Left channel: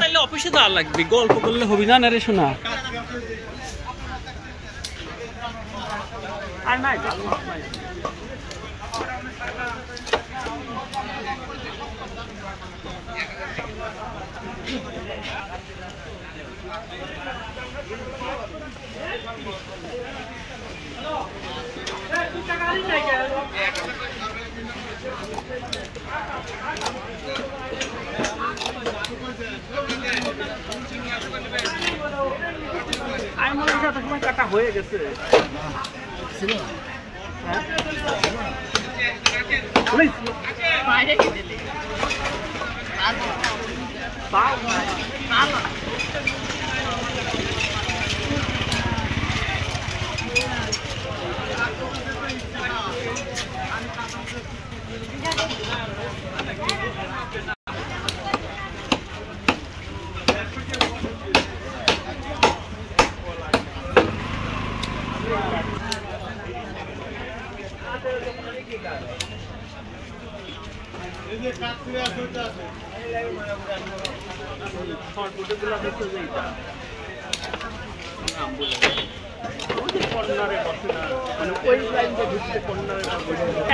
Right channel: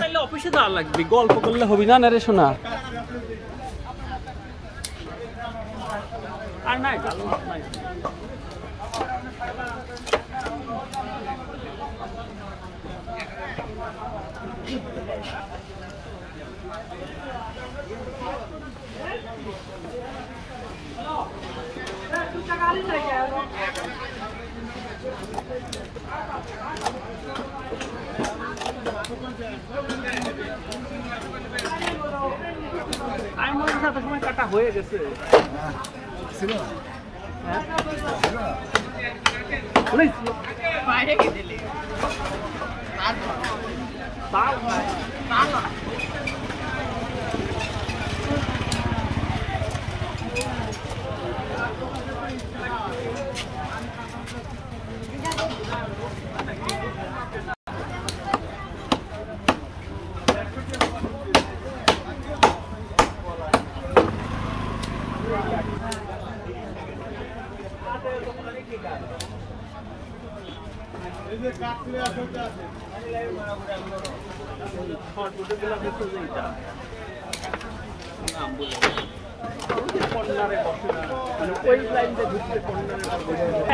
তাইলে অফিসে যাওয়া লাগবে, গল্প করলে হবি না রে শোনা। আর নাই কাটা হয়ে গেছে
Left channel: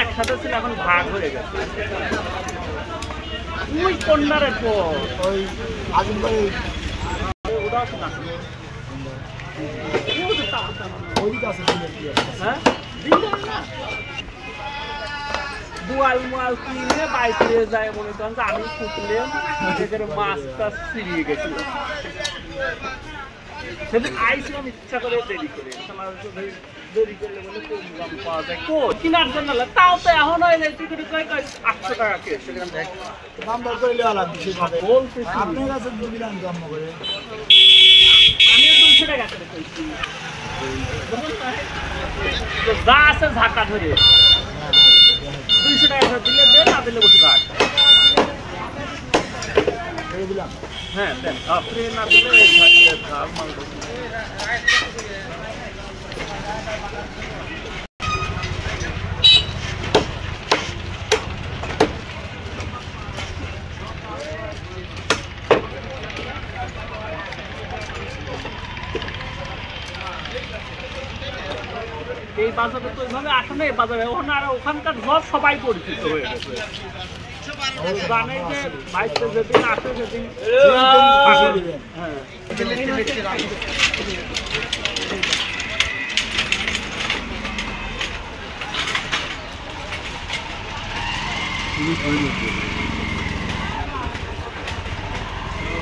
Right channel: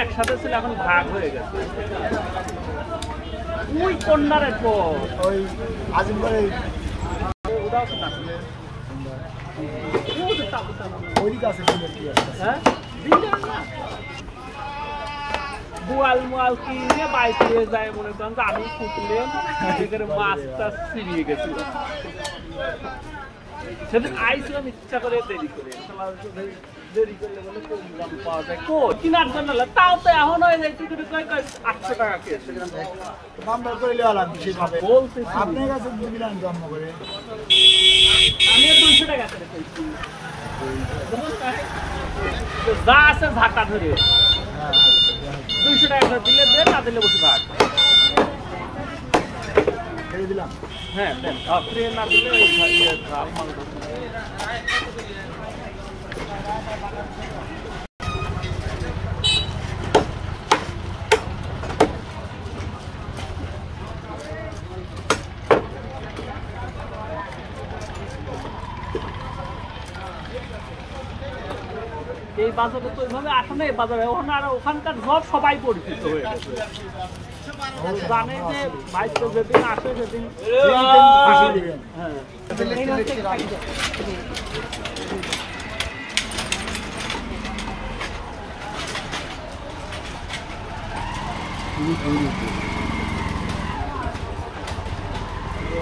একসাথে ছিল, এখন ভাগ হয়ে গেছে। ওই কন্যারের পর ওই আজমগড়ে দুয়াল মুয়াল কিনে বাইকে যায়, মনে করেন যে আমি ফুটলেন সেখানে মাছটা ছিঁড়িয়ে গেছিল। সেদিন আইছিলাম ইচ্ছা করে দেরি করে, দেরি করলে বলে কম দাম পাওয়া যায় কিনার জন্য, তাও তো এখন হয়ে যায় টিকিট 800 টাকা কে দাম দর করে লেওয়া লাগবে সেভাবে। আপনার কাছে দিলাম জন্ম করে আমি 200 টাকা করে কইছি, যা আছে ঝাঁকা ধরে 200 টাকা দিলে দে, না দিলে বসে থাক। দিলাম হ্যাঁ আপনি না দিলে এই বাজারে তো ওইভাবে আসে না। এই বাজারে ওখানে আর ওখানকার সব সবাই পরিচিত হয়ে গেছে, জানে যে বাইরে যেদিন আসে সেদিন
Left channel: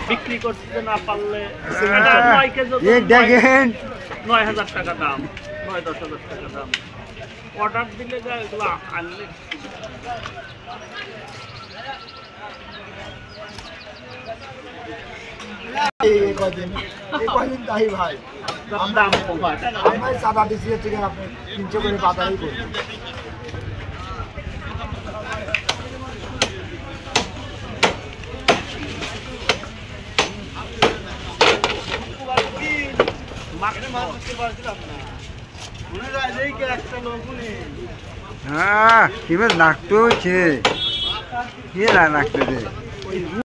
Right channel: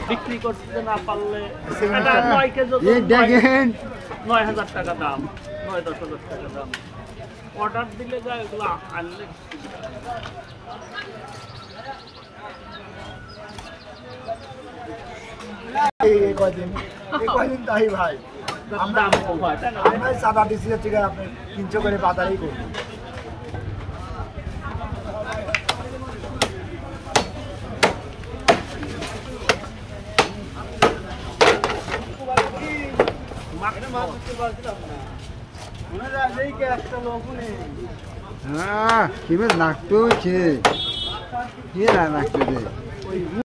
বিক্রি করতে না পারলে 9,000 টাকা দাম, 9-10,000 টাকা দাম। অর্ডার দিলে যায়, ওগুলো আনলে তাই ভাই আমরা চাঁদা দিচ্ছি হচ্ছে আপনি 300 করে বাজারেই করবেন। হ্যাঁ, লাগতো লাগতো